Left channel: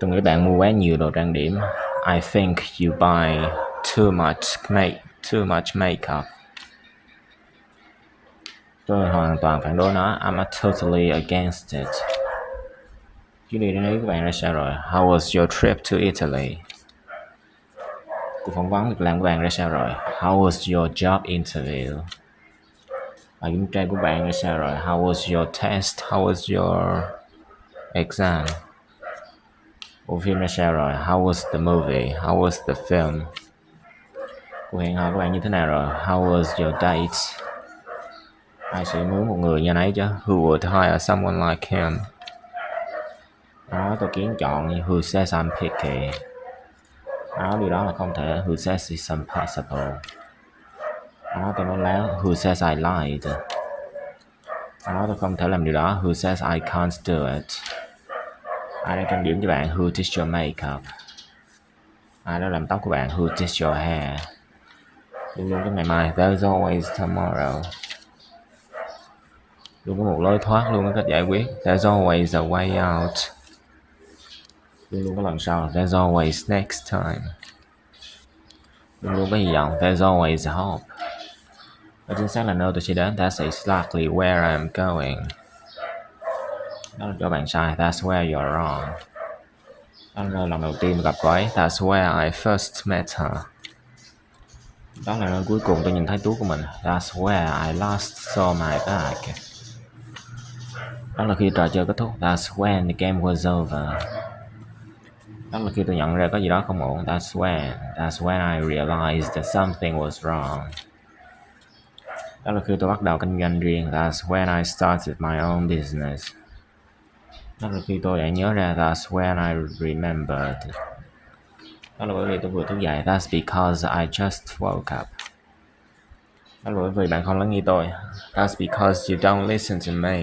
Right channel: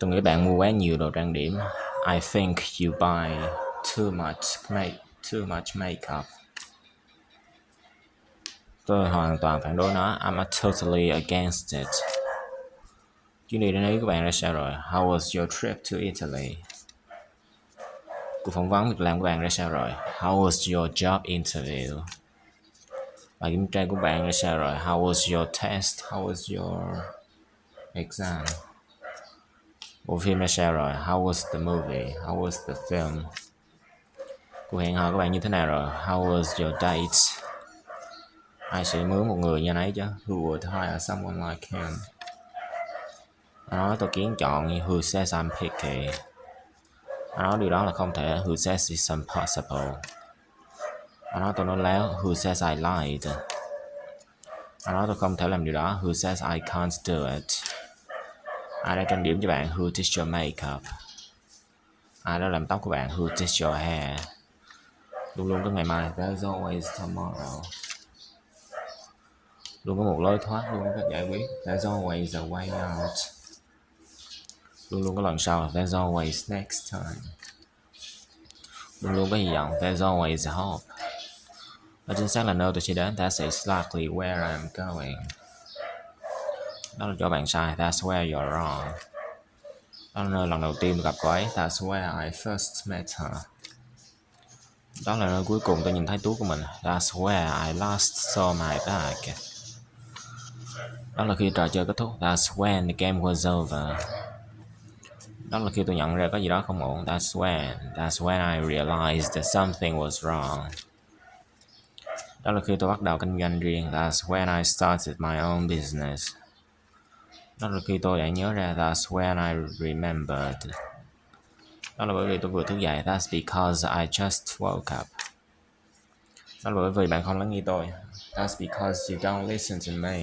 Tôi nghĩ bạn mua quá nhiều đồ trang điểm. I think you buy too much makeup. Tôi hoàn toàn phản đối nó. I'm totally against it. Chuyến đi đến Ý của bạn ra sao rồi? How was your trip to Italy? Cuộc phỏng vấn việc làm của bạn ra sao rồi? How was your job interview? Bài kiểm tra của bạn ra sao rồi? How was your test? How was your exam? Bộ phim ra sao rồi? How was the movie? How was the film? Cuộc hẹn hò của bạn như thế nào rồi? How was your date? Ai sẽ mướn một người như nấy chứ? Who would hire someone like him? Đó, tôi kiến chọn who says I'm picky. Đó, điều đó là không thể. Who says it's impossible? Đó, tôi nói láo. Who says I lied? Đó, tôi không thể làm điều đó. Who says I can't do it? Ai đã trang điểm cho bạn? Who did your makeup? Ai đã làm tóc của bạn? Who did your hair? Luôn luôn có ngày mai. There's always tomorrow. Luôn có một lối thoát, luôn có cách giải quyết. There's always a way out. Luôn luôn có lần sau. There's always next time. Luôn luôn có hy vọng. There's always hope. Đó chính xác là nơi tôi sẽ đến. That's exactly where I'm going. Đó là chỗ bạn sai. That's where you're wrong. Đó là nơi lần đầu tiên tôi gặp cô ấy. That's where I first met her. Đó là nơi cuối cùng tôi nhìn thấy túi của mình. That's where I last saw my bag. Đó là khi trò chơi kết thúc. That's when the game was over. Đó là khi tôi nhận ra có gì đó không ổn. That's when I realized that something was wrong. Đó là khi tôi bắt đầu kinh doanh riêng. That's when I started my own business. Đó là khi tôi đã nhớ ra. That's when I remembered. Đó là bởi vì tôi vừa thức dậy. That's because I just woke up. Đó là bởi vì bạn không lắng nghe tôi. That's because you don't listen to me.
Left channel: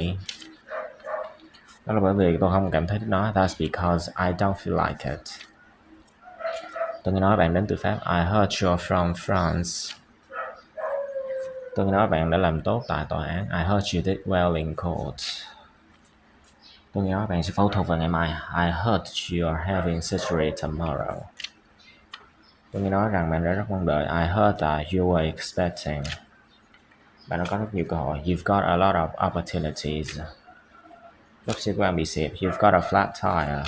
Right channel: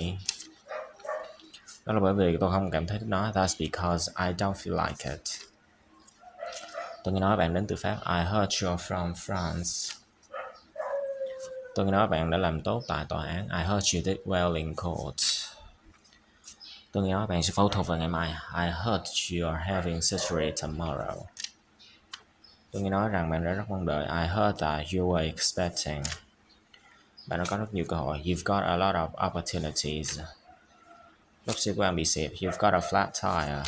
Đó là bởi vì tôi không cảm thấy thích nó. That's because I don't feel like it. Tôi nghe nói bạn đến từ Pháp. I heard you're from France. Tôi nghe nói bạn đã làm tốt tại tòa án. I heard you did well in court. Tôi nghe nói bạn sẽ phẫu thuật vào ngày mai. I heard you're having surgery tomorrow. Tôi nghe nói rằng bạn đã rất mong đợi. I heard that you were expecting. Bạn đã có rất nhiều cơ hội. You've got a lot of opportunities. Bác sĩ của bạn bị xẹp. You've got a flat tire.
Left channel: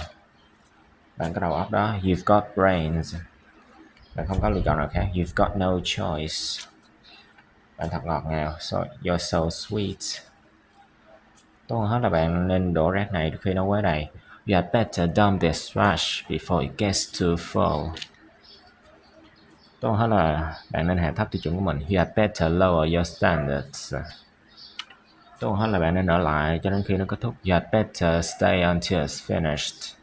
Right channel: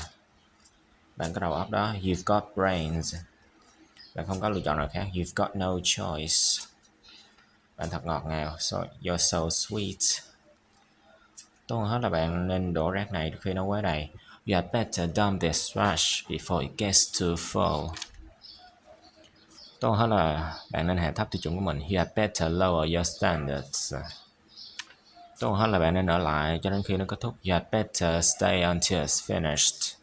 Bạn có đầu óc đó. You've got brains. Bạn không có lựa chọn nào khác. You've got no choice. Bạn thật ngọt ngào. You're so sweet. Tốt hơn hết là bạn nên đổ rác này khi nó quá đầy. You had better dump this trash before it gets too full. Tốt hơn hết là bạn nên hạ thấp tiêu chuẩn của mình. You had better lower your standards. Tốt hơn hết là bạn nên ở lại cho đến khi nó kết thúc. You had better stay until it's finished.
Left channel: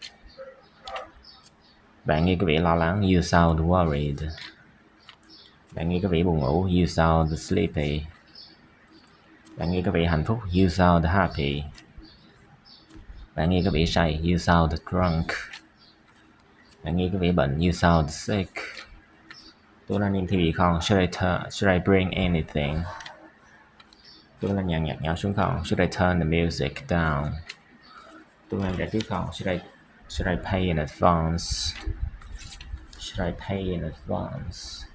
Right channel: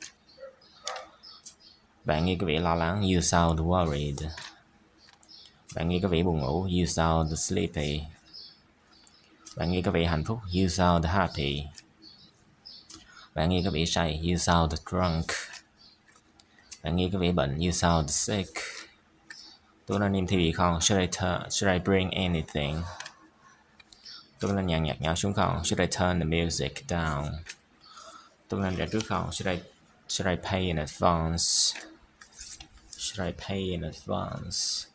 Bạn nghe có vẻ lo lắng. You sound worried. Bạn nghe có vẻ buồn ngủ. You sound sleepy. Bạn nghe có vẻ hạnh phúc. You sound happy. Bạn nghe có vẻ say. You sound drunk. Bạn nghe có vẻ bệnh. You sound sick. Tôi nên đem theo gì không? Should I bring anything? Tôi nên dàn nhạc nhỏ xuống không? Should I turn the music down? Tôi nên trả trước không? Should I pay in advance? Should I pay in advance?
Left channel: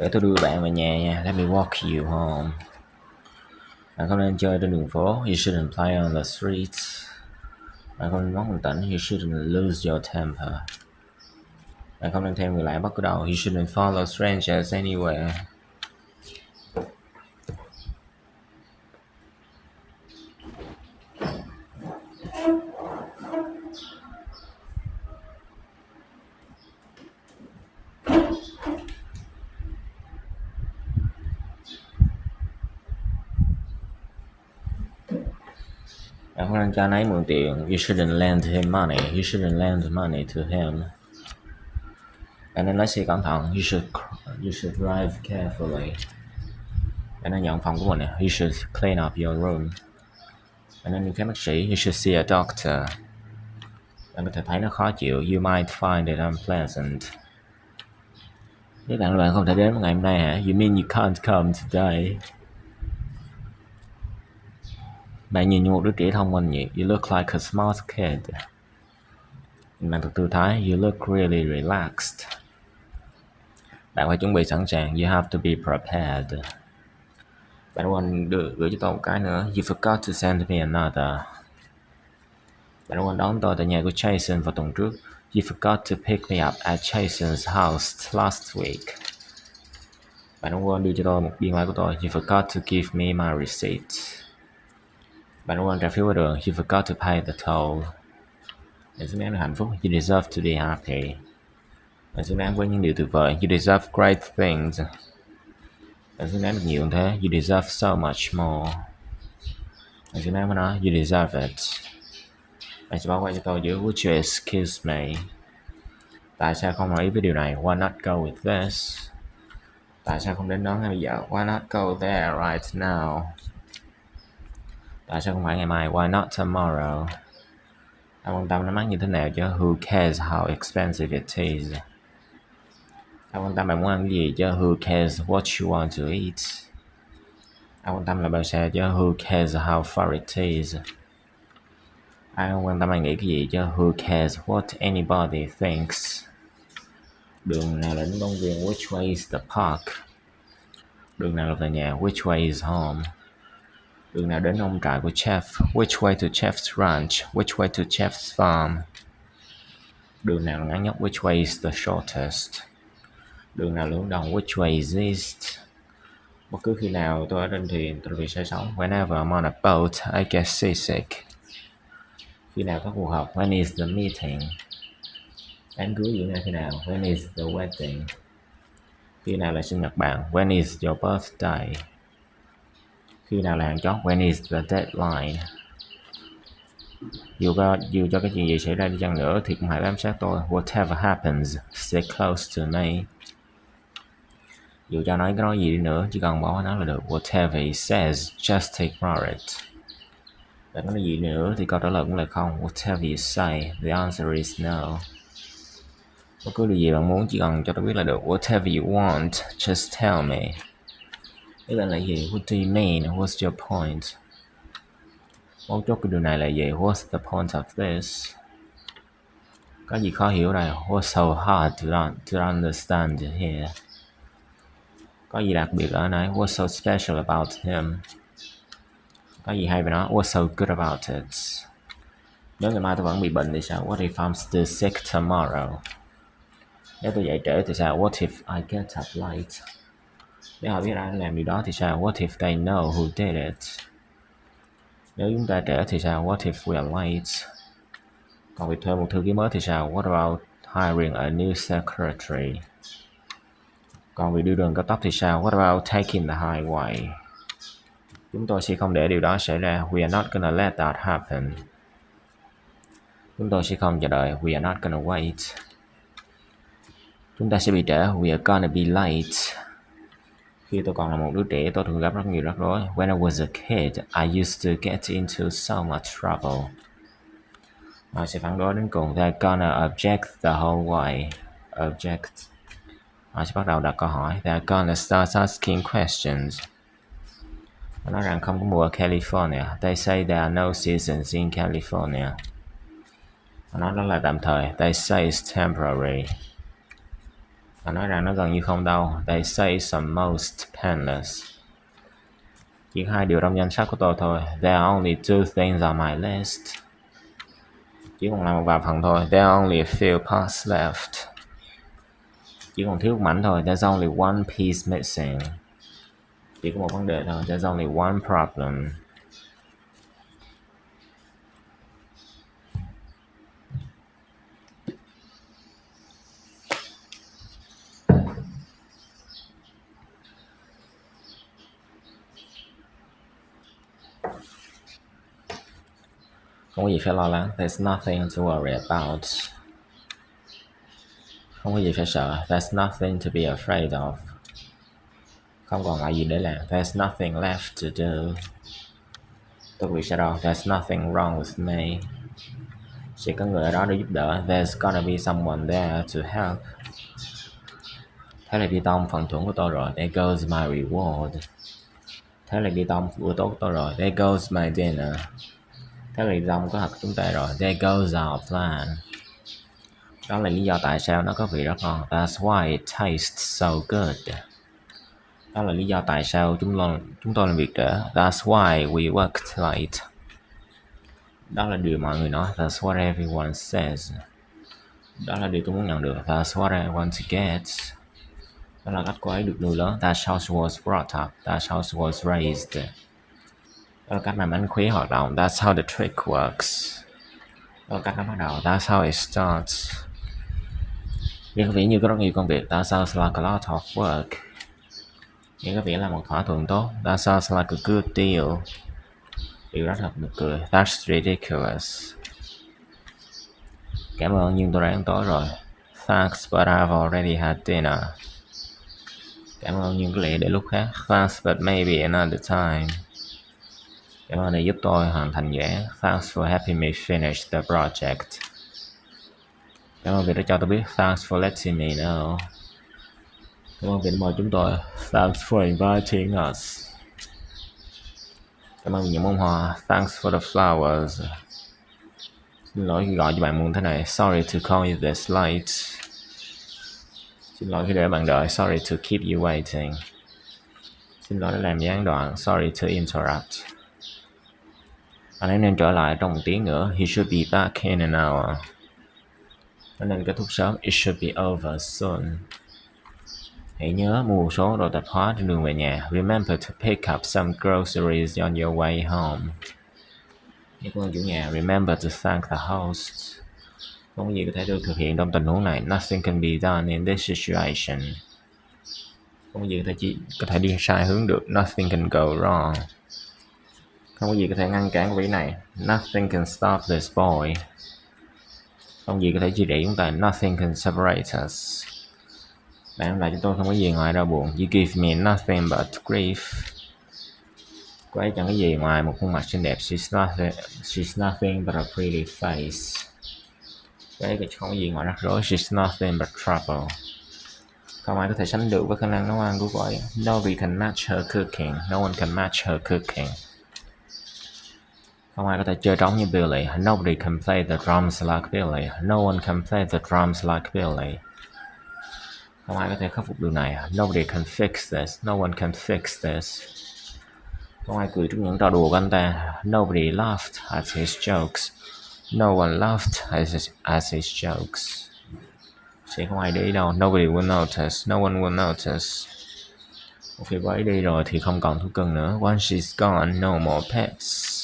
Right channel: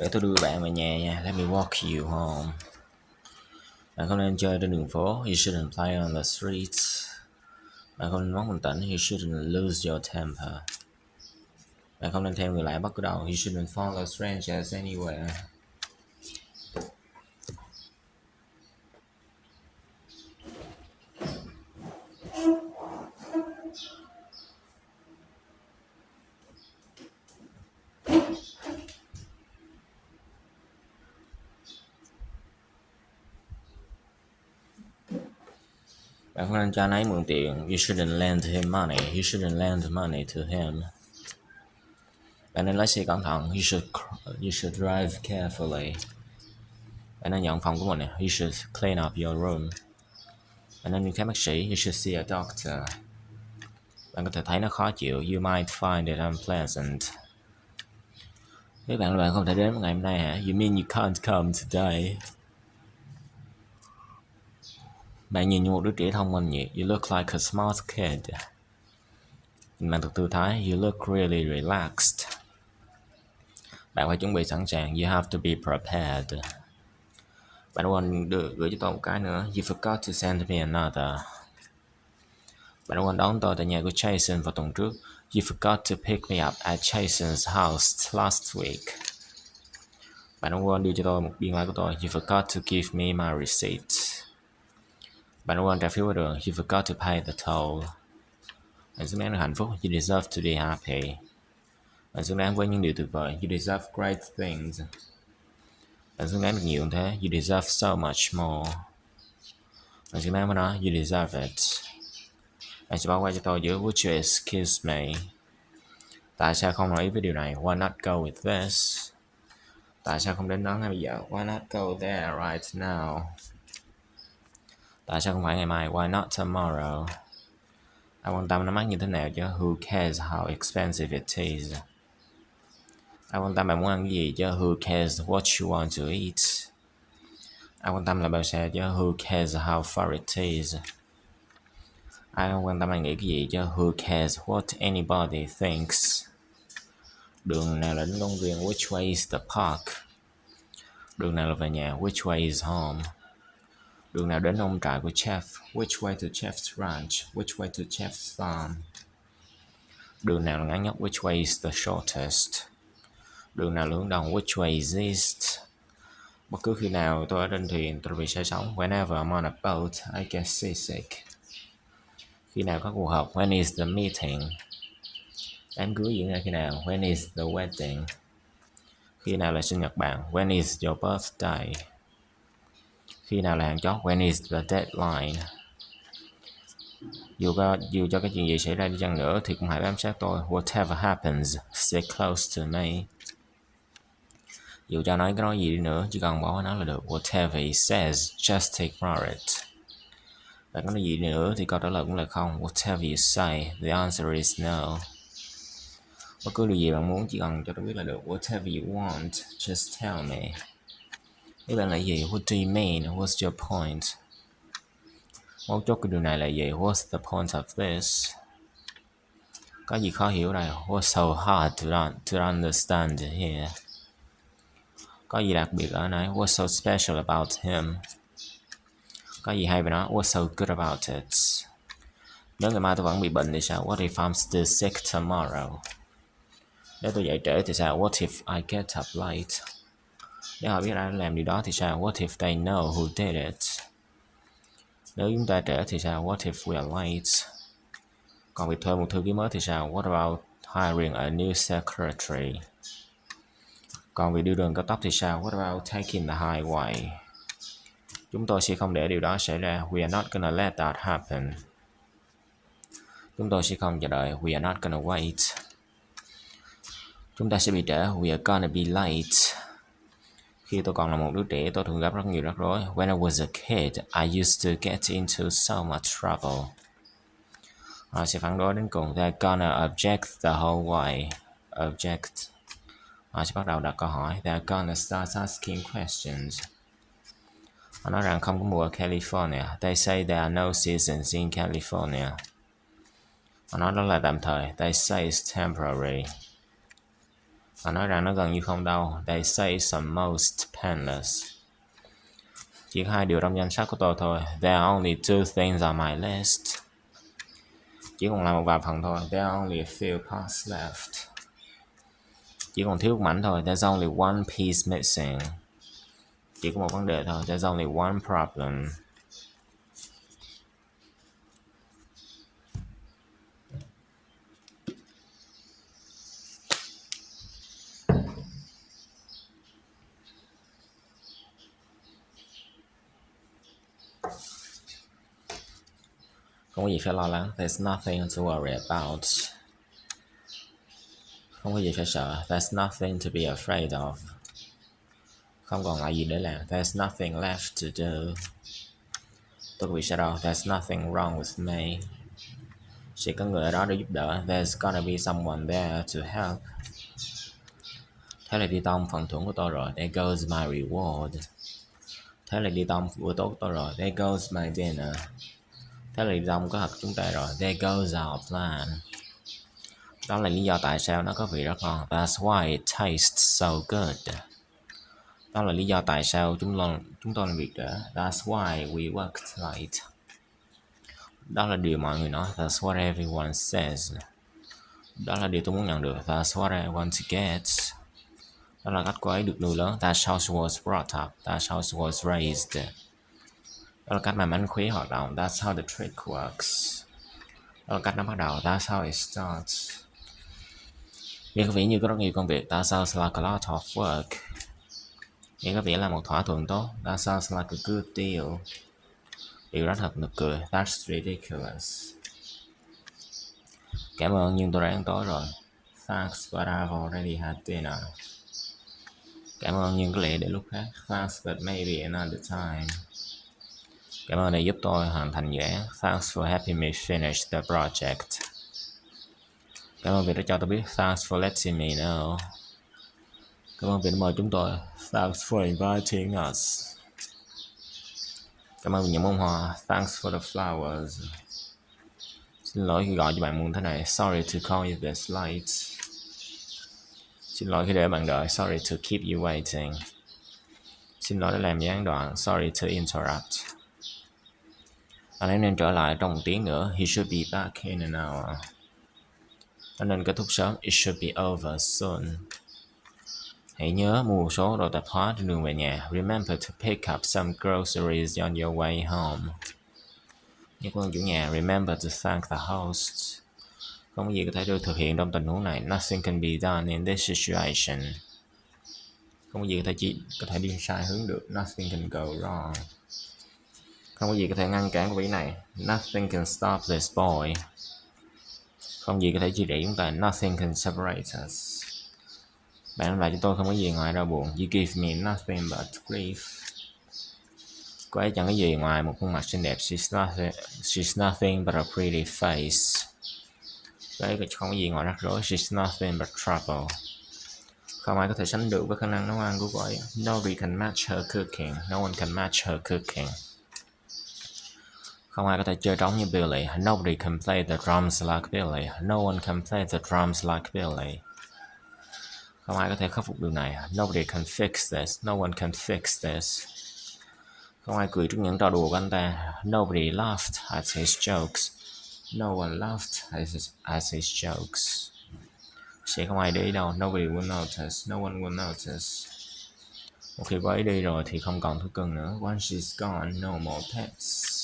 Để tôi đưa bạn về nhà nha. Let me walk you home. Bạn không nên chơi trên đường phố. You shouldn't play on the streets. Bạn không nên mất bình tĩnh. You shouldn't lose your temper. Bạn không nên theo người lạ bất cứ đâu. You shouldn't follow strangers anywhere. Bạn không nên cho anh ấy mượn tiền. You shouldn't lend him money. You shouldn't lend money to him. Bạn nên lái xe cẩn thận. You should drive carefully. Bạn nên dọn phòng của mình. You should clean up your room. Bạn nên đi khám bác sĩ. You should see a doctor. Bạn có thể thấy nó khó chịu. You might find it unpleasant. Nếu bạn không thể đến ngày hôm nay hả? You mean you can't come today? Bạn nhìn như một đứa trẻ thông minh vậy. You look like a smart kid. Bạn thật thư thái. You look really relaxed. Bạn phải chuẩn bị sẵn sàng. You have to be prepared. Bạn quên gửi cho tôi một cái nữa. You forgot to send me another. Bạn quên đón tôi tại nhà của Jason vào tuần trước. You forgot to pick me up at Jason's house last week. Bạn quên đưa cho tôi một biên lai của tôi. You forgot to give me my receipt. Bạn quên trả phiếu qua đường. You forgot to pay the toll. Bạn xứng đáng được hạnh phúc. You deserve to be happy. Bạn xứng đáng với những điều tuyệt vời. You deserve great things. Bạn xứng đáng được nhiều hơn thế. You deserve so much more. Bạn xứng đáng với nó. You deserve it. Bạn sẽ báo qua cho tôi giữa would you excuse me? Tại sao không đồng ý với điều này? Why not go with this? Tại sao không đến đó ngay bây giờ? Why not go there right now? Tại sao không phải ngày mai? Why not tomorrow? Anh quan tâm nó mắc như thế nào chứ? Who cares how expensive it is? Anh quan tâm bạn muốn ăn cái gì chứ? Who cares what you want to eat? Anh quan tâm là bao xa chứ? Who cares how far it is? Ai không quan tâm anh nghĩ cái gì chứ? Who cares what anybody thinks? Đường nào là đến công viên? Which way is the park? Đường nào là về nhà? Which way is home? Đường nào đến nông trại của chef? Which way to chef's ranch? Which way to chef's farm? Đường nào là ngắn nhất? Which way is the shortest? Đường nào hướng đông? Which way is east? Bất cứ khi nào tôi ở trên thuyền, tôi bị say sóng. Whenever I'm on a boat, I get seasick. Khi nào có cuộc họp? When is the meeting? Đám cưới diễn ra khi nào? When is the wedding? Khi nào là sinh nhật bạn? When is your birthday? Khi nào là hạn chót? When is the deadline? Dù cho cái chuyện gì xảy ra đi chăng nữa thì cũng hãy bám sát tôi. Whatever happens, stay close to me. Dù cho nói cái nói gì đi nữa, chỉ cần bỏ nó là được. Whatever he says, just ignore it. Bạn có nói gì nữa thì câu trả lời cũng là không. Whatever you say, the answer is no. Bất cứ điều gì bạn muốn chỉ cần cho tôi biết là được. Whatever you want, just tell me. Ý là gì? What do you mean? What's your point? Mấu chốt của điều này là gì? What's the point of this? Có gì khó hiểu đây? What's so hard to understand here? Có gì đặc biệt ở này? What's so special about him? Có gì hay về nó? What's so good about it? Nếu ngày mai tôi vẫn bị bệnh thì sao? What if I'm still sick tomorrow? Nếu tôi dậy trễ thì sao? What if I get up late? Nếu họ biết ai làm điều đó thì sao? What if they know who did it? Nếu chúng ta trễ thì sao? What if we are late? Còn việc thuê một thư ký mới thì sao? What about hiring a new secretary? Còn việc đưa đường cao tốc thì sao? What about taking the highway? Chúng tôi sẽ không để điều đó xảy ra. We are not gonna let that happen. Chúng tôi sẽ không chờ đợi. We are not gonna wait. Chúng ta sẽ bị trễ. We are gonna be late. Khi tôi còn là một đứa trẻ, tôi thường gặp rất nhiều rắc rối. When I was a kid, I used to get into so much trouble. Họ sẽ phản đối đến cùng. They're gonna object the whole way. Object. Họ sẽ bắt đầu đặt câu hỏi. They're gonna start asking questions. Họ nói rằng không có mùa ở California. They say there are no seasons in California. Họ nói đó là tạm thời. They say it's temporary. Họ nói rằng nó gần như không đâu. They say it's almost painless. Chỉ có 2 điều trong danh sách của tôi thôi. There are only 2 things on my list. Chỉ còn lại một vài phần thôi. There are only a few parts left. Chỉ còn thiếu một mảnh thôi. There's only one piece missing. Chỉ có một vấn đề thôi. There's only one problem. Không có gì phải lo lắng. There's nothing to worry about. Không có gì phải sợ. There's nothing to be afraid of. Không còn lại gì để làm. There's nothing left to do. Tôi bị shadow. There's nothing wrong with me. Chỉ có người ở đó để giúp đỡ. There's gonna be someone there to help. Thế là đi tông phần thưởng của tôi rồi. There goes my reward. Thế là đi tông bữa tối của tôi rồi. There goes my dinner. Thế là đi tông kế hoạch chúng ta rồi. There goes our plan. Đó là lý do tại sao nó có vị rất ngon. That's why it tastes so good. Đó là lý do tại sao chúng tôi làm việc trễ. That's why we worked late. Đó là điều mọi người nói. That's what everyone says. Đó là điều tôi muốn nhận được. That's what I want to get. Đó là cách cô ấy được nuôi lớn. That's how she was brought up. That's how she was raised. Đó là cách mà mánh khóe hoạt động. That's how the trick works. Đó là cách nó bắt đầu. That's how it starts. Nghe có vẻ như có rất nhiều công việc. That sounds like a lot of work. Nghe có vẻ là một thỏa thuận tốt. That sounds like a good deal. Điều đó thật nực cười. That's ridiculous. Cảm ơn nhưng tôi đã ăn tối rồi. Thanks but I've already had dinner. Cảm ơn nhưng có lẽ để lúc khác. Thanks but maybe another time. Cảm ơn đã giúp tôi hoàn thành dự án. Thanks for helping me finish the project. Cảm ơn vì đã cho tôi biết. Thanks for letting me know. Cảm ơn vì đã mời chúng tôi. Thanks for inviting us. Cảm ơn vì những bông hoa. Thanks for the flowers. Xin lỗi khi gọi cho bạn muộn thế này. Sorry to call you this late. Xin lỗi khi để bạn đợi. Sorry to keep you waiting. Xin lỗi đã làm gián đoạn. Sorry to interrupt. Anh ấy nên trở lại trong một tiếng nữa. He should be back in an hour. Nó nên kết thúc sớm. It should be over soon. Hãy nhớ mua một số đồ tạp hóa trên đường về nhà. Remember to pick up some groceries on your way home. Nhớ ơn chủ nhà. Remember to thank the host. Không có gì có thể được thực hiện trong tình huống này. Nothing can be done in this situation. Không có gì có thể đi sai hướng được. Nothing can go wrong. Không có gì có thể ngăn cản quỷ này. Nothing can stop this boy. Không gì có thể chia rẽ chúng ta. Nothing can separate us. Bạn đem lại cho tôi không có gì ngoài đau buồn. You give me nothing but grief. Cô ấy chẳng có gì ngoài một khuôn mặt xinh đẹp. She's nothing but a pretty face. Cô ấy không có gì ngoài rắc rối. She's nothing but trouble. Không ai có thể sánh được với khả năng nấu ăn của cô ấy. Nobody can match her cooking. No one can match her cooking. Không ai có thể chơi trống như Billy. Nobody can play the drums like Billy. No one can play the drums like Billy. Không ai có thể khắc phục điều này. Nobody can fix this. No one can fix this. Không ai cười trước những trò đùa của anh ta. Nobody laughed at his jokes. No one laughed at his jokes. Sẽ không ai để ý đâu. Nobody will notice. No one will notice. Một khi cô ấy đi rồi thì không còn thú cưng nữa. Once she's gone, no more pets.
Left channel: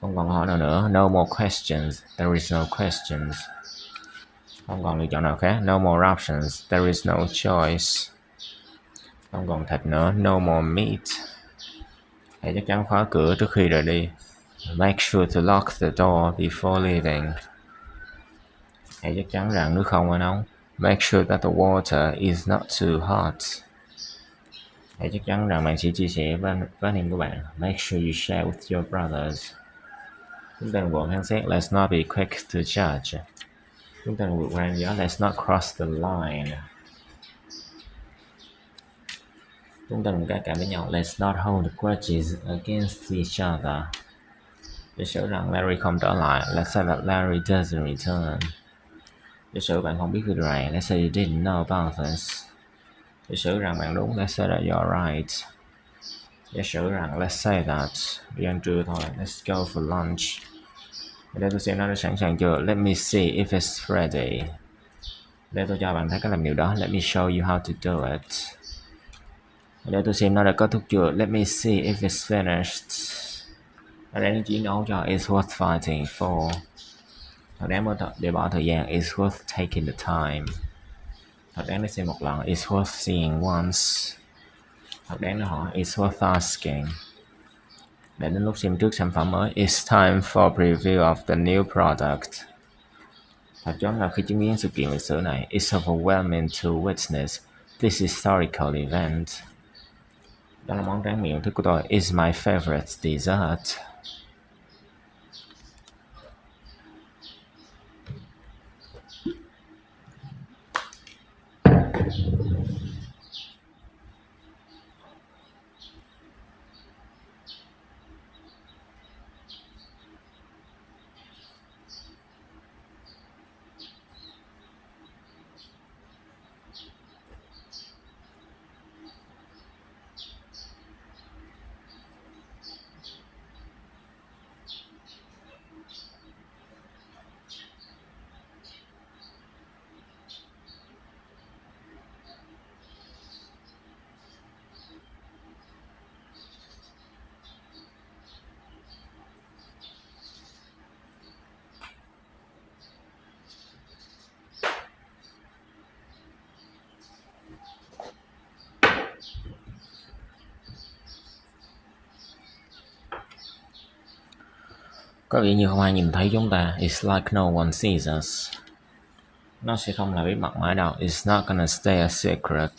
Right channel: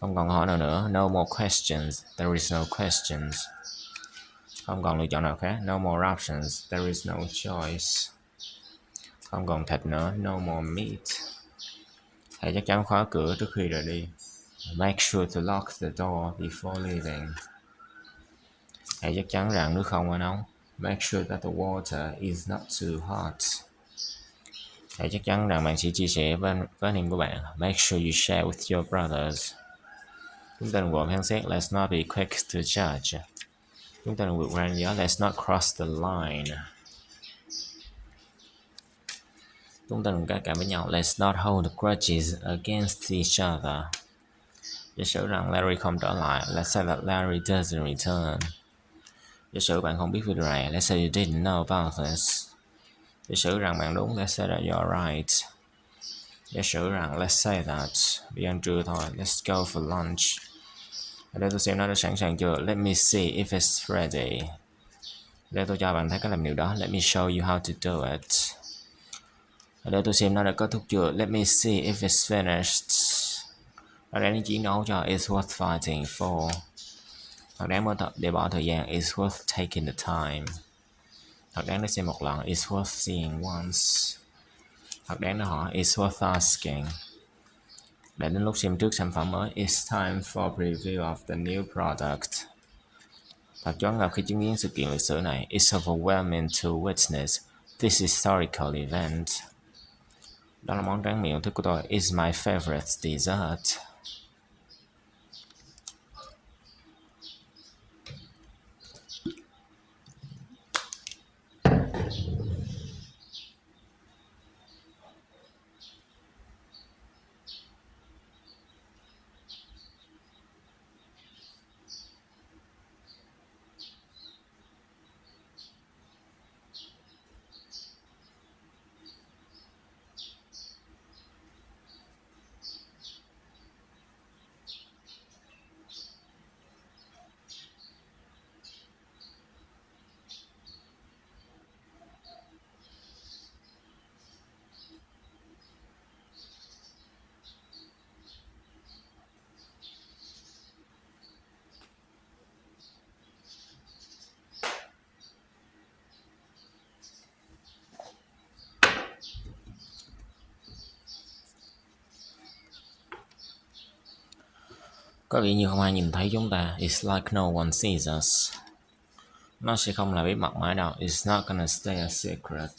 Không còn hỏi nào nữa. No more questions. There is no questions. Không còn lựa chọn nào khác. No more options. There is no choice. Không còn thịt nữa. No more meat. Hãy chắc chắn khóa cửa trước khi rời đi. Make sure to lock the door before leaving. Hãy chắc chắn rằng nước không quá nóng. Make sure that the water is not too hot. Hãy chắc chắn rằng bạn sẽ chia sẻ với anh em của bạn. Make sure you share with your brothers. Chúng ta đừng vội phán xét. Let's not be quick to judge. Chúng ta đừng vượt qua ranh giới. Let's not cross the line. Chúng ta đừng cãi cãi với nhau. Let's not hold grudges against each other. Giả sử rằng Larry không trở lại. Let's say that Larry doesn't return. Giả sử bạn không biết về điều này. Let's say you didn't know about this. Giả sử rằng bạn đúng. Let's say that you're right. Giả sử rằng let's say that đi ăn trưa thôi. Let's go for lunch. Ở đây tôi xem nó đã sẵn sàng chưa. Let me see if it's ready. Ở đây tôi cho bạn thấy cách làm điều đó. Let me show you how to do it. Ở đây tôi xem nó đã kết thúc chưa. Let me see if it's finished. Ở đây nó chiến đấu cho it's worth fighting for. Thật đáng để bỏ thời gian. It's worth taking the time. Thật đáng để xem một lần. It's worth seeing once. Thật đáng để hỏi. It's worth asking. Đã đến lúc xem trước sản phẩm mới. It's time for preview of the new product. Thật choáng là khi chứng kiến sự kiện lịch sử này. It's overwhelming to witness this historical event. Đó là món tráng miệng thích của tôi. It's my favorite dessert. Có vẻ như không ai nhìn thấy chúng ta. It's like no one sees us. Nó sẽ không là bí mật mãi đâu. It's not gonna stay a secret.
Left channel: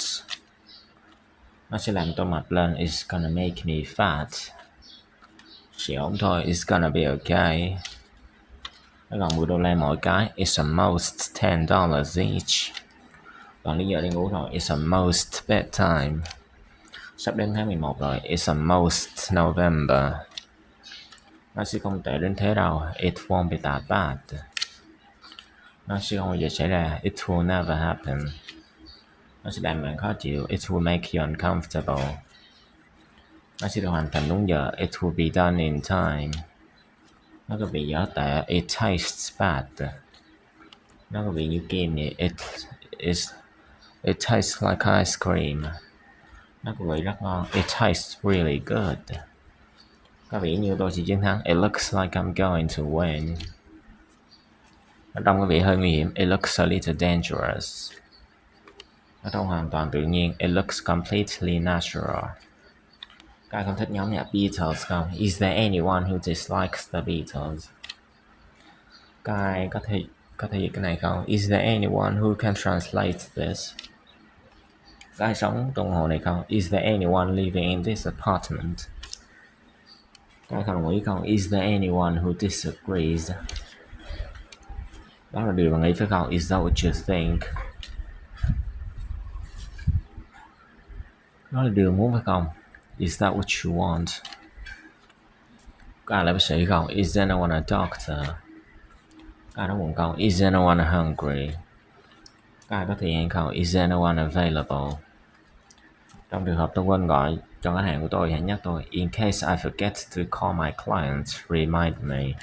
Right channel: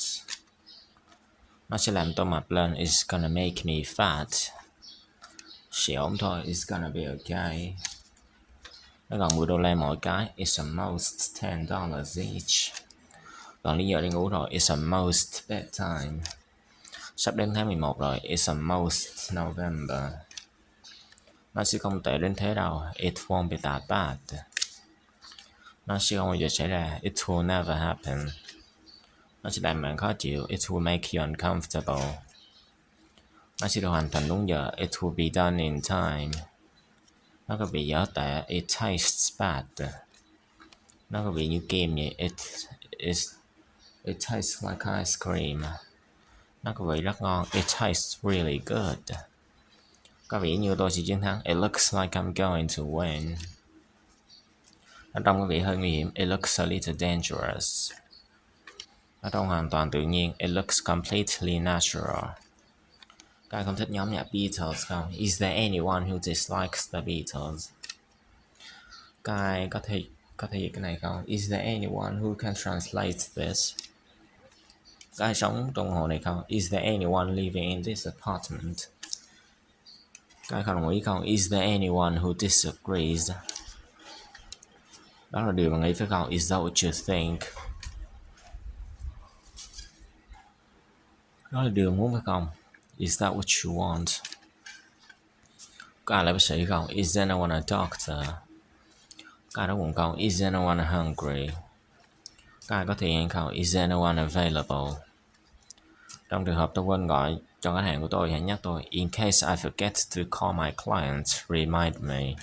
Nó sẽ làm tôi mập lên. It's gonna make me fat. Sẽ ổn thôi. It's gonna be okay. Nó gần $10 mỗi cái. It's almost $10 each. Còn lý giờ đi ngủ rồi. It's almost bedtime. Sắp đến tháng 11 rồi. It's almost November. Nó sẽ không tệ đến thế đâu. It won't be that bad. Nó sẽ không bao giờ xảy ra. It will never happen. Nó sẽ làm bạn khó chịu. It will make you uncomfortable. Nó sẽ được hoàn thành đúng giờ. It will be done in time. Nó có vị dở tệ. It tastes bad. Nó có vị như kem vậy. It tastes like ice cream. Nó có vị rất ngon. It tastes really good. Có vẻ như tôi sẽ chiến thắng. It looks like I'm going to win. Nó trông có vẻ hơi nguy hiểm. It looks a little dangerous. Nó trông hoàn toàn tự nhiên. It looks completely natural. Các bạn không thích nhóm nhạc Beatles không? Is there anyone who dislikes the Beatles? Các ai có thể dịch cái này không? Is there anyone who can translate this? Các ai sống trong hồ này không? Is there anyone living in this apartment? Các ai không đồng ý không? Is there anyone who disagrees? Đó là điều bạn nghĩ phải không? Is that what you think? Đó là điều muốn phải không? Is that what you want? Các ai là bác sĩ không? Is anyone a doctor? Các ai đó bụng không? Is anyone hungry? Các ai có thời gian không? Is anyone available? Trong trường hợp tôi quên gọi cho khách hàng của tôi, hãy nhắc tôi. In case I forget to call my client, remind me.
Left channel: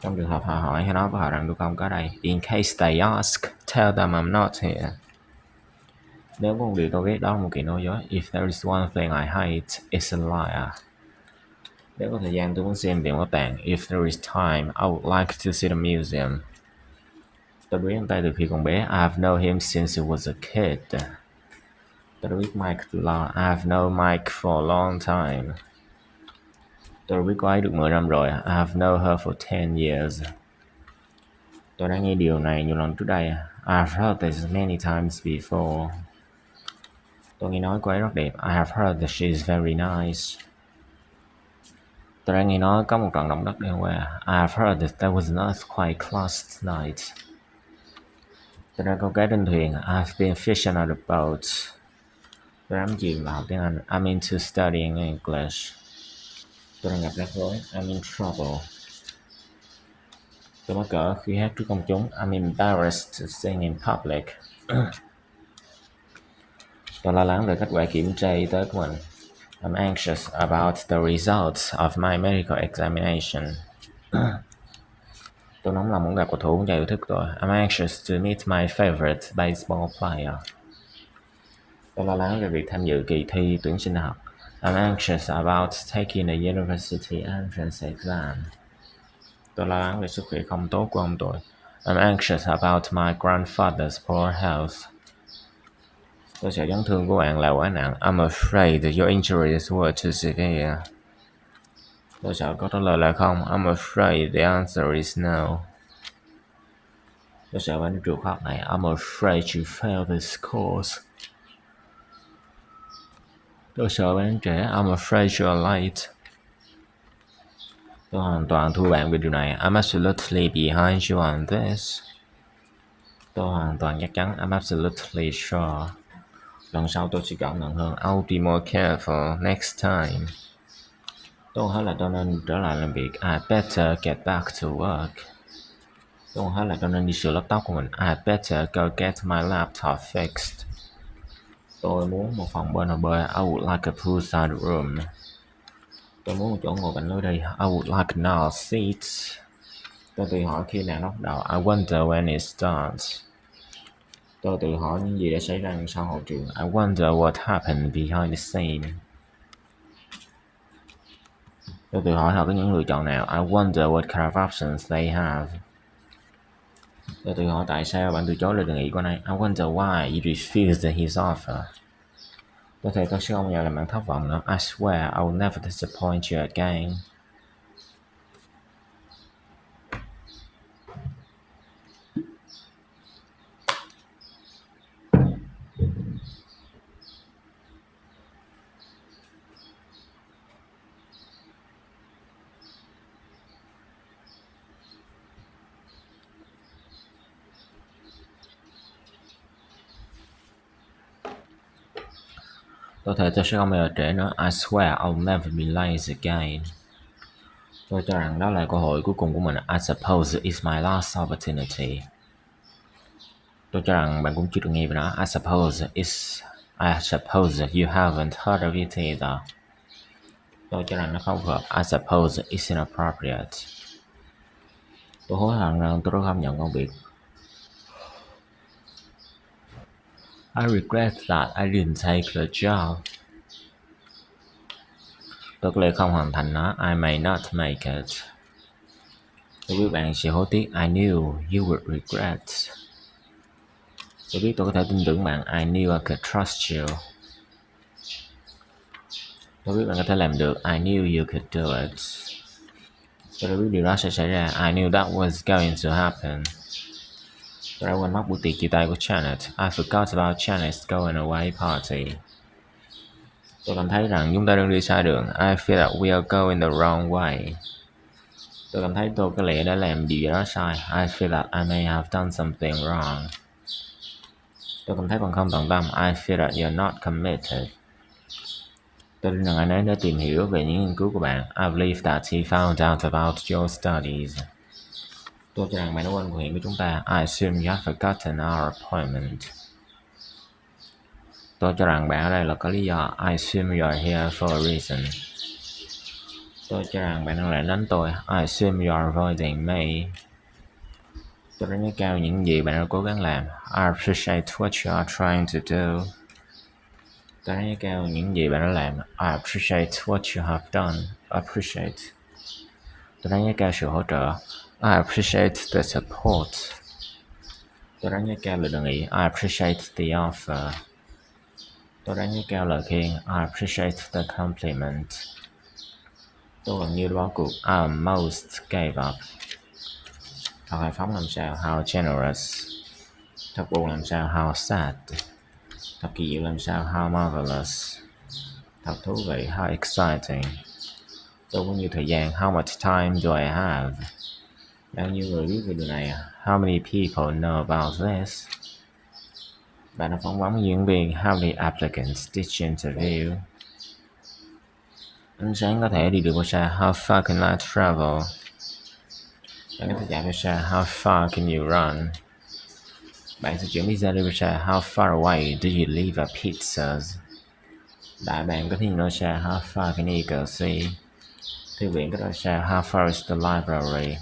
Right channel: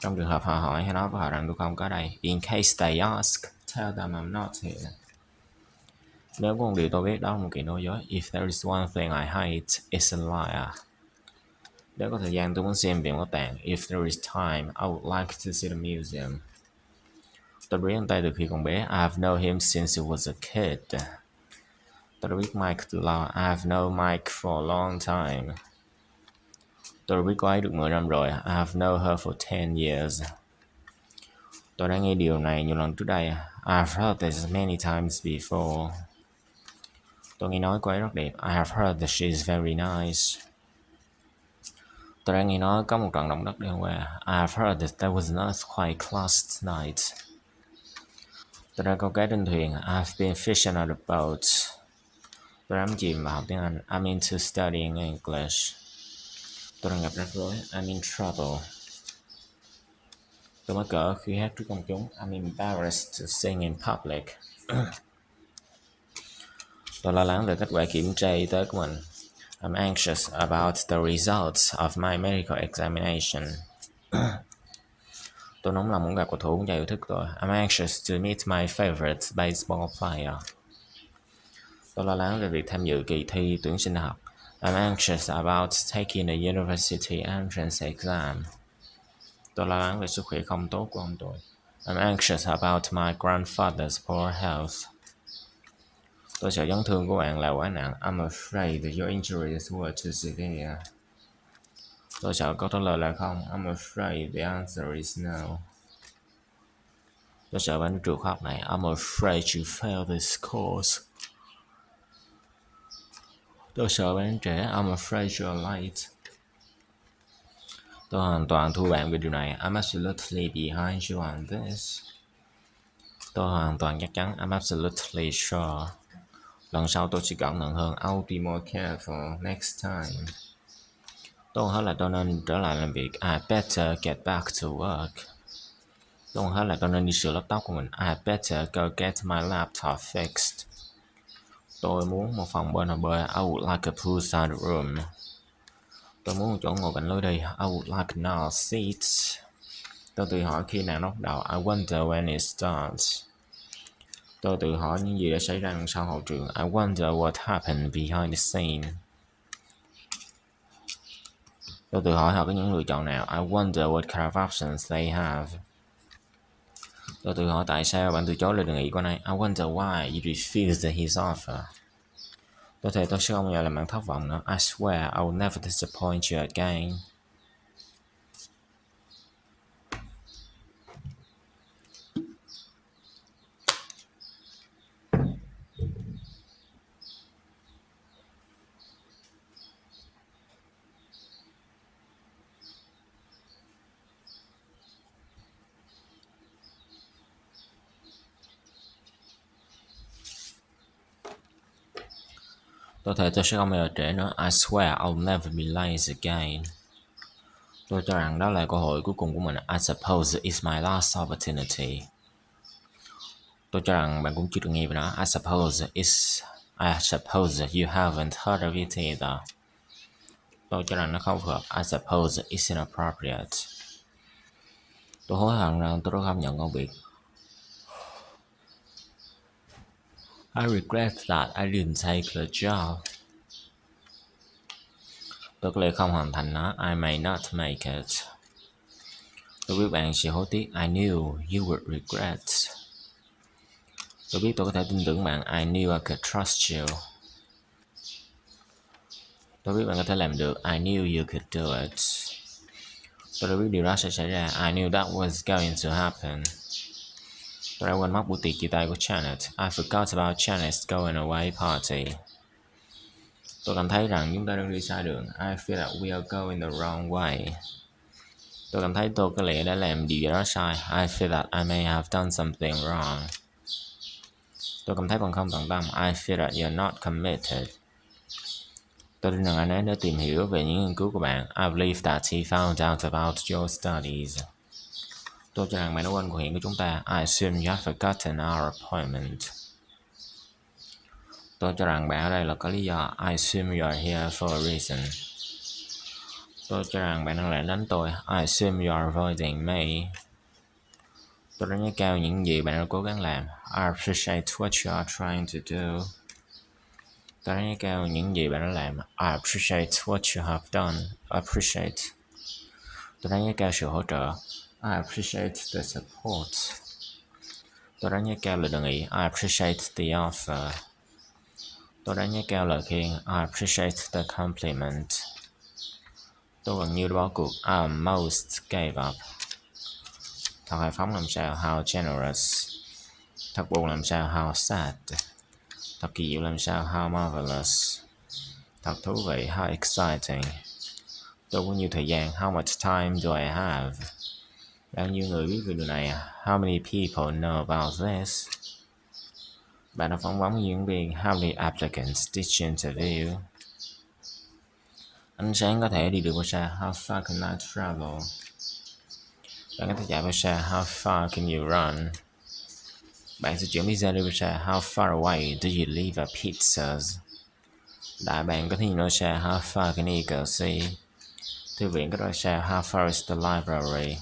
Trong trường hợp họ hỏi, hãy nói với họ rằng tôi không có đây. In case they ask, tell them I'm not here. Nếu có một điều tôi biết đó là một kỳ nói dối. If there is one thing I hate, it's a liar. Nếu có thời gian tôi muốn xem viện bảo tàng. If there is time, I would like to see the museum. Tôi biết anh ta từ khi còn bé. I've known him since he was a kid. Tôi đã biết Mike từ lâu. I've known Mike for a long time. Tôi đã biết cô ấy được 10 năm rồi. I've known her for 10 years. Tôi đã nghe điều này nhiều lần trước đây. I've heard this many times before. Tôi nghe nói cô ấy rất đẹp. I have heard that she is very nice. Tôi đã nghe nói có một trận động đất đêm qua. I have heard that there was an earthquake last night. Tôi đã câu cá trên thuyền. I've been fishing on a boat. Tôi đã chìm vào học tiếng Anh. I'm into studying English. Tôi đang gặp rắc rối. I'm in trouble. Tôi mắc cỡ khi hát trước công chúng. I'm embarrassed to sing in public. Tôi lo lắng về kết quả kiểm tra y tế của mình. I'm anxious about the results of my medical examination. Tôi nóng lòng muốn gặp cầu thủ và yêu thích tôi. I'm anxious to meet my favorite baseball player. Tôi lo lắng về việc tham dự kỳ thi tuyển sinh đại học. I'm anxious about taking the university entrance exam. Tôi lo lắng về sức khỏe không tốt của ông tôi. I'm anxious about my grandfather's poor health. Tôi sợ chấn thương của bạn là quá nặng. I'm afraid that your injuries were too severe. Tôi sợ câu trả lời là không. I'm afraid the answer is no. Tôi sợ bạn đi trường học này. I'm afraid you fail this course. Tôi sợ bạn trễ. I'm afraid you're late. Tôi hoàn toàn thua bạn về điều này. I'm absolutely behind you on this. Tôi hoàn toàn chắc chắn. I'm absolutely sure. Lần sau tôi sẽ cẩn thận hơn. I'll be more careful next time. Tôi hết là tôi nên trở lại làm việc. I better get back to work. Tôi hết là tôi nên đi sửa laptop của mình. I better go get my laptop fixed. Tôi muốn một phòng bơi bơi. I would like a poolside room. Tôi muốn một chỗ ngồi cạnh lối đi. I would like now seats. Tôi tự hỏi khi nào nó bắt đầu. I wonder when it starts. Tôi tự hỏi những gì đã xảy ra đằng sau hậu trường. I wonder what happened behind the scene. Tôi tự hỏi họ có những lựa chọn nào. I wonder what kind of options they have. Tôi tự hỏi tại sao bạn từ chối lời đề nghị của anh ấy. I wonder why you refused his offer. Tôi thề tôi sẽ không bao giờ làm bạn thất vọng nữa. I swear I will never disappoint you again. Tôi thề tôi sẽ không bao giờ trễ nữa. I swear I'll never be late again. Tôi cho rằng đó là cơ hội cuối cùng của mình. I suppose it's my last opportunity. Tôi cho rằng bạn cũng chưa được nghe về nó. I suppose you haven't heard of it either. Tôi cho rằng nó không phù hợp. I suppose it's inappropriate. Tôi hối hận rằng tôi đã không nhận công việc. I regret that I didn't take the job. Tôi có lẽ không hoàn thành nó. I may not make it. Tôi biết bạn sẽ hối tiếc. I knew you would regret. Tôi biết tôi có thể tin tưởng bạn. I knew I could trust you. Tôi biết bạn có thể làm được. I knew you could do it. Tôi đã biết điều đó sẽ xảy ra. I knew that was going to happen. Tôi đã quên mất buổi tiệc chia tay của Janet. I forgot about Janet's going away party. Tôi cảm thấy rằng chúng ta đang đi sai đường. I feel that we are going the wrong way. Tôi cảm thấy tôi có lẽ đã làm điều gì đó sai. I feel that I may have done something wrong. Tôi cảm thấy còn không tận tâm. I feel that you're not committed. Tôi tin rằng anh ấy đã tìm hiểu về những nghiên cứu của bạn. I believe that he found out about your studies. Tôi cho rằng bạn đã quên cuộc hẹn của chúng ta. I assume you have forgotten our appointment. Tôi cho rằng bạn ở đây là có lý do. I assume you are here for a reason. Tôi cho rằng bạn đang lảng tránh tôi. I assume you are avoiding me. Tôi đánh giá cao những gì bạn đã cố gắng làm. I appreciate what you are trying to do. Tôi đánh giá cao những gì bạn đã làm. I appreciate what you have done. Appreciate. Tôi đánh giá cao sự hỗ trợ. I appreciate the support. Tôi đánh giá cao lời đề nghị. I appreciate the offer. Tôi đánh giá cao lời khen. I appreciate the compliment. Tôi gần như đã bỏ cuộc. I almost gave up. Thật hào phóng làm sao? How generous. Thật buồn làm sao? How sad. Thật kỳ diệu làm sao? How marvelous. Thật thú vị. How exciting. Tôi có nhiều thời gian. How much time do I have? Bao nhiêu người biết về điều này? How many people know about this? Bạn đã phỏng vấn diễn viên. How many applicants did you interview? Ánh sáng có thể đi được bao xa? How far can light travel? Bạn có thể chạy bao xa? How far can you run? Bạn sẽ chuyển pizza đi bao xa? How far away do you live at pizzas? Đại bạn có thiên nói xa? How far can you go see? Thư viện có bao xa? How far is the library?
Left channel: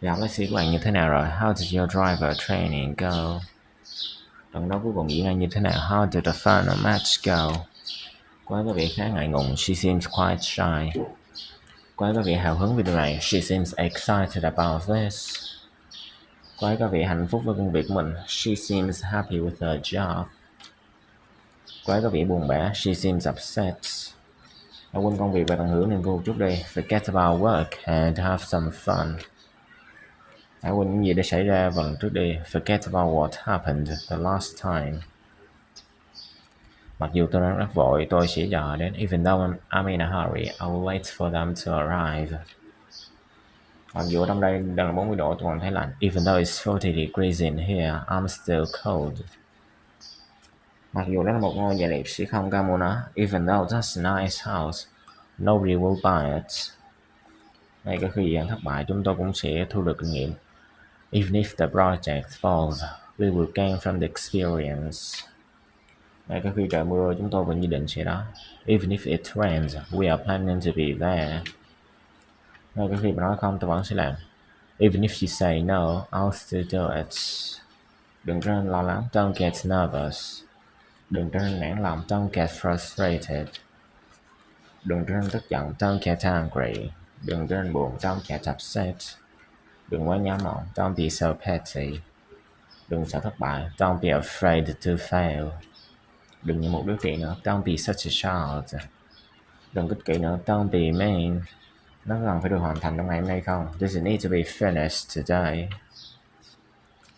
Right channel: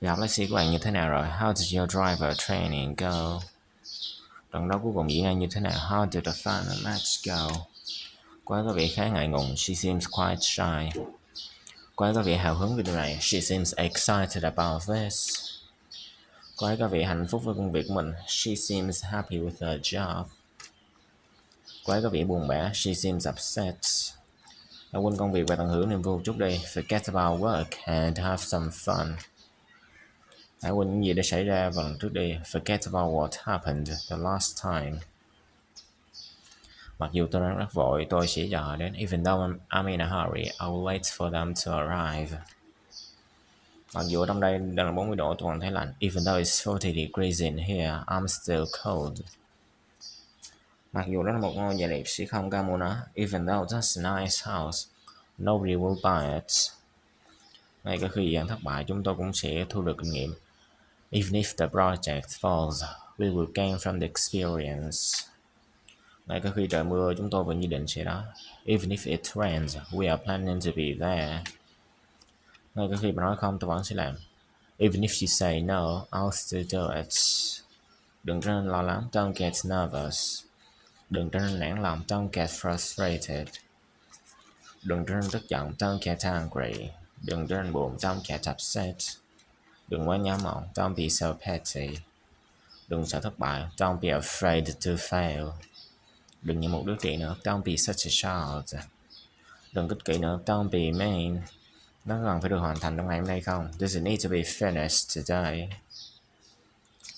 Gặp lái xe của bạn như thế nào rồi? How did your driver training go? Trận đấu cuối cùng diễn ra như thế nào? How did the final match go? Cô ấy có vẻ khá ngại ngùng. She seems quite shy. Cô ấy có vẻ hào hứng về điều này. She seems excited about this. Cô ấy có vẻ hạnh phúc với công việc của mình. She seems happy with her job. Cô ấy có vẻ buồn bã. She seems upset. Đã quên công việc và tận hưởng niềm vui một chút đi. Forget about work and have some fun. Hãy quên những gì đã xảy ra vào lần trước đi. Forget about what happened the last time. Mặc dù tôi đang rất vội, tôi sẽ chờ đến. Even though I'm in a hurry, I will wait for them to arrive. Mặc dù ở trong đây đang là 40 độ, tôi còn thấy lạnh. Even though it's 40 degrees in here, I'm still cold. Mặc dù đó là một ngôi nhà đẹp sẽ không có mua nó. Even though that's a nice house, nobody will buy it. Ngay cả khi dự án thất bại, chúng tôi cũng sẽ thu được kinh nghiệm. Even if the project falls, we will gain from the experience. Ngay cả khi trời mưa, chúng tôi vẫn dự định sẽ đó. Even if it rains, we are planning to be there. Ngay cả khi bạn nói không, tôi vẫn sẽ làm. Even if you say no, I'll still do it. Đừng trở nên lo lắng, don't get nervous. Đừng trở nên nản lòng, don't get frustrated. Đừng trở nên tức giận, don't get angry. Đừng trở nên buồn, don't get upset. Đừng quá nhớ mộng, don't be so petty. Đừng sợ thất bại, don't be afraid to fail. Đừng như một đứa trẻ nữa, don't be such a child. Đừng ích kỷ nữa, don't be mean. Nó cần phải được hoàn thành trong ngày hôm nay không? Does it need to be finished today?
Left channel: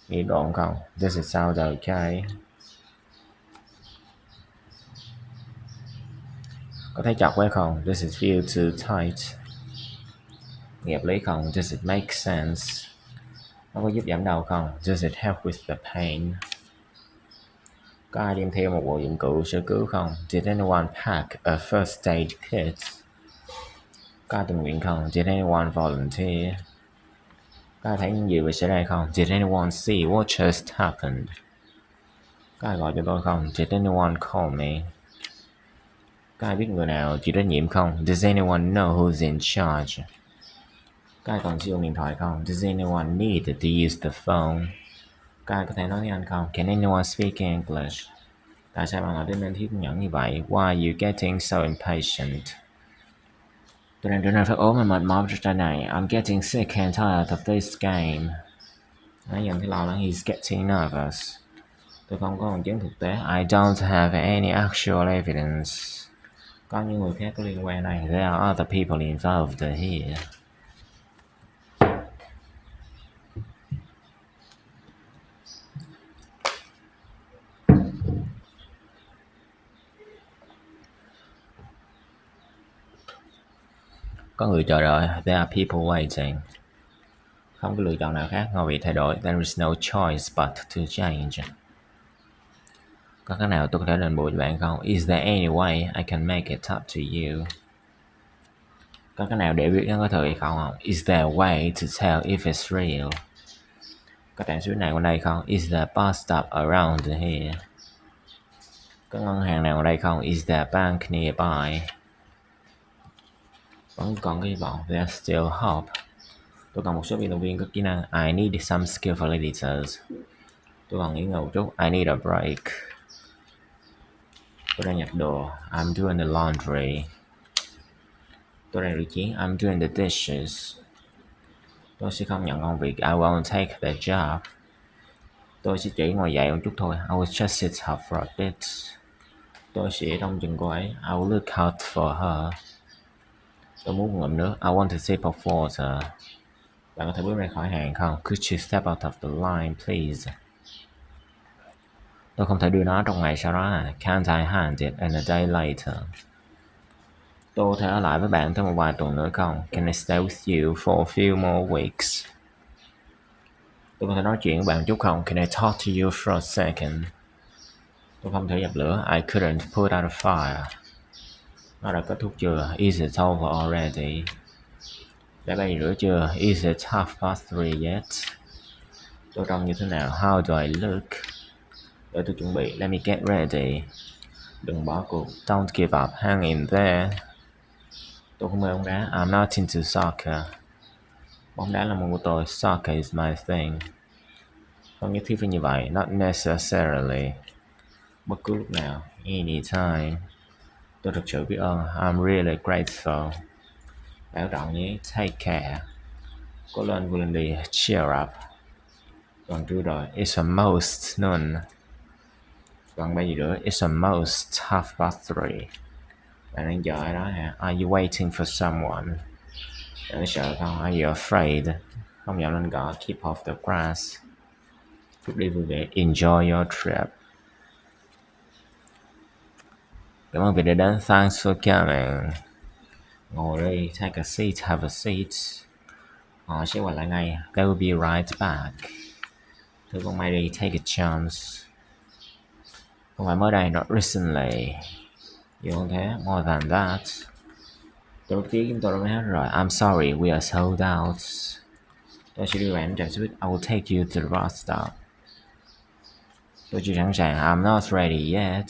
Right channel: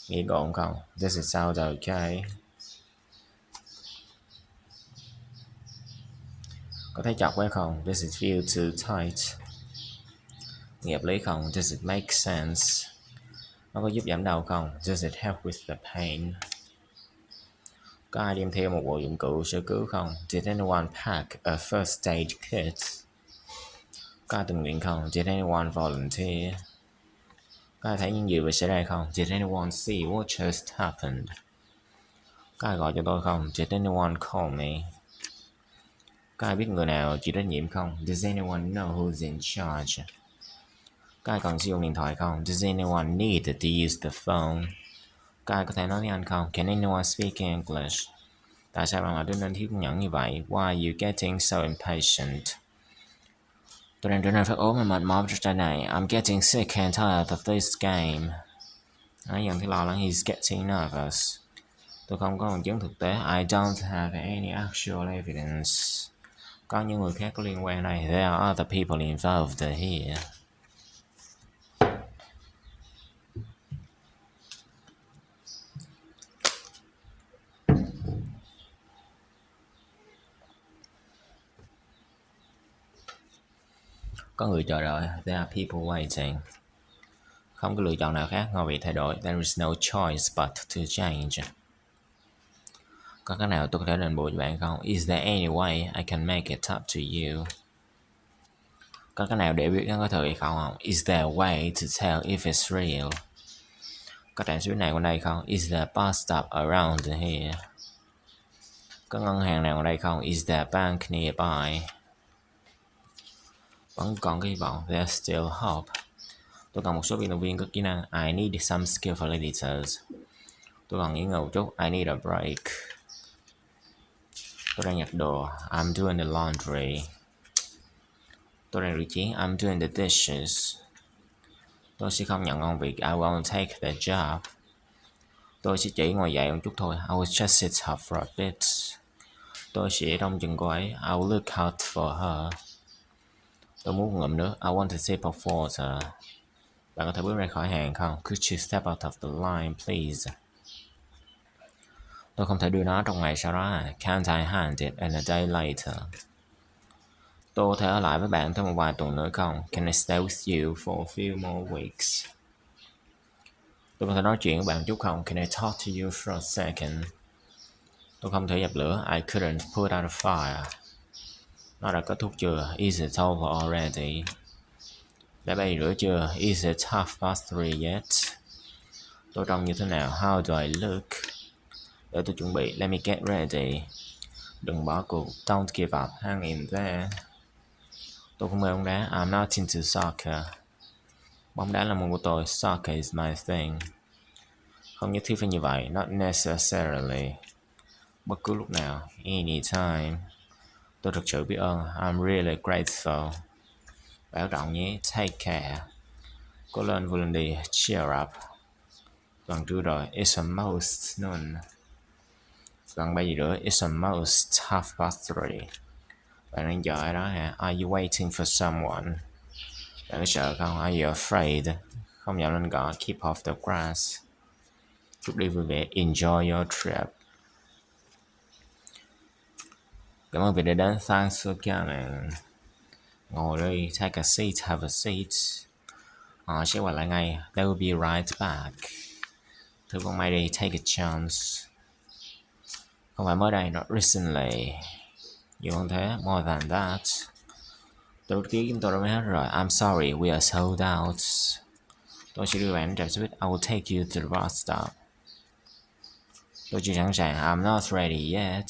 Nghĩ gọn không? Does it sound okay? Có thấy chặt quá không? Does it feel too tight? Nghe hợp lý không? Does it make sense? Nó có giúp giảm đau không? Does it help with the pain? Có ai đem theo một bộ dụng cụ sơ cứu không? Did anyone pack a first aid kit? Có ai tình nguyện không? Did anyone volunteer? Có ai thấy những gì vừa xảy ra không? Did anyone see what just happened? Có ai gọi cho tôi không? Did anyone call me? Có ai biết người nào chịu trách nhiệm không? Does anyone know who's in charge? Có ai cần sử dụng điện thoại không? Does anyone need to use the phone? Có ai có thể nói tiếng Anh không? Can anyone speak English? Tại sao bạn lại trở nên thiếu kiên nhẫn như vậy? Why are you getting so impatient? Tôi đang trở nên phát ốm và mệt mỏi trong trò này. I'm getting sick and tired of this game. Nói dần thấy lo lắng. He's getting nervous. Tôi không có bằng chứng thực tế. I don't have any actual evidence. Có những người khác có liên quan đây. There are other people involved here. Có người chờ đợi. There are people waiting. Không có lựa chọn nào khác ngoài việc thay đổi. There is no choice but to change. Có cái nào tôi có thể đền bù cho bạn không? Is there any way I can make it up to you? Có cái nào để biết nó có thật hay không? Is there a way to tell if it's real? Có trạm xứ nào ở đây không? Is there a bus stop around here? Có ngân hàng nào ở đây không? Is there a bank nearby? Vẫn còn cái hy vọng. There's still hope. Tôi cần một số vận động viên có kỹ năng. I need some skillful editors. Tôi cần nghỉ ngơi một chút. I need a break. Tôi đang giặt đồ. I'm doing the laundry. Tôi đang rửa chén. I'm doing the dishes. Tôi sẽ không nhận công việc. I won't take the job. Tôi sẽ chỉ ngồi dậy một chút thôi. I will just sit up for a bit. Tôi sẽ trông chừng cô ấy. I will look out for her. Tôi muốn một ngụm nước. I want a sip of water. Bạn có thể bước ra khỏi hàng không? Could you step out of the line, please? Tôi không thể đưa nó trong ngày sau đó. Can't I hand it in a day later? Tôi có thể ở lại với bạn thêm một vài tuần nữa không? Can I stay with you for a few more weeks? Tôi có thể nói chuyện với bạn một chút không? Can I talk to you for a second? Tôi không thể dập lửa. I couldn't put out a fire. Nó đã kết thúc chưa? Is it over already? Đã bay rửa chưa? Is it 3:30 yet? Tôi trông như thế nào? How do I look? Để tôi chuẩn bị. Let me get ready. Đừng bỏ cuộc. Don't give up. Hang in there. Tôi không mê bóng đá. I'm not into soccer. Bóng đá là môn của tôi. Soccer is my thing. Không nhất thiết phải như vậy. Not necessarily. Bất cứ lúc nào. Anytime. Tôi thật sự biết ơn. I'm really grateful. Bảo trọng nhé. Take care. Cố lên, vươn lên đi. Cheer up. Gần trưa rồi. It's almost noon. Gần 3 giờ nữa. It's almost 3:30. Bạn đang chờ ai đó hả? Are you waiting for someone? Bạn có sợ không? Are you afraid? Không dám lên cỏ. Keep off the grass. Chúc đi vui vẻ. Enjoy your trip. Cảm ơn vì đã đến. Thanks for coming. Ngồi đi, take a seat, have a seat. Họ sẽ quay lại ngay. They will be right back. Thưa con mày đi, take a chance. Không phải mới đây, not recently. Nhiều hơn thế, more than that. Tôi biết chúng tôi đã mới hết rồi. I'm sorry, we are sold out. Tôi sẽ đưa bạn đến trạm xe buýt. I will take you to the bus stop. Tôi chưa sẵn sàng. I'm not ready yet.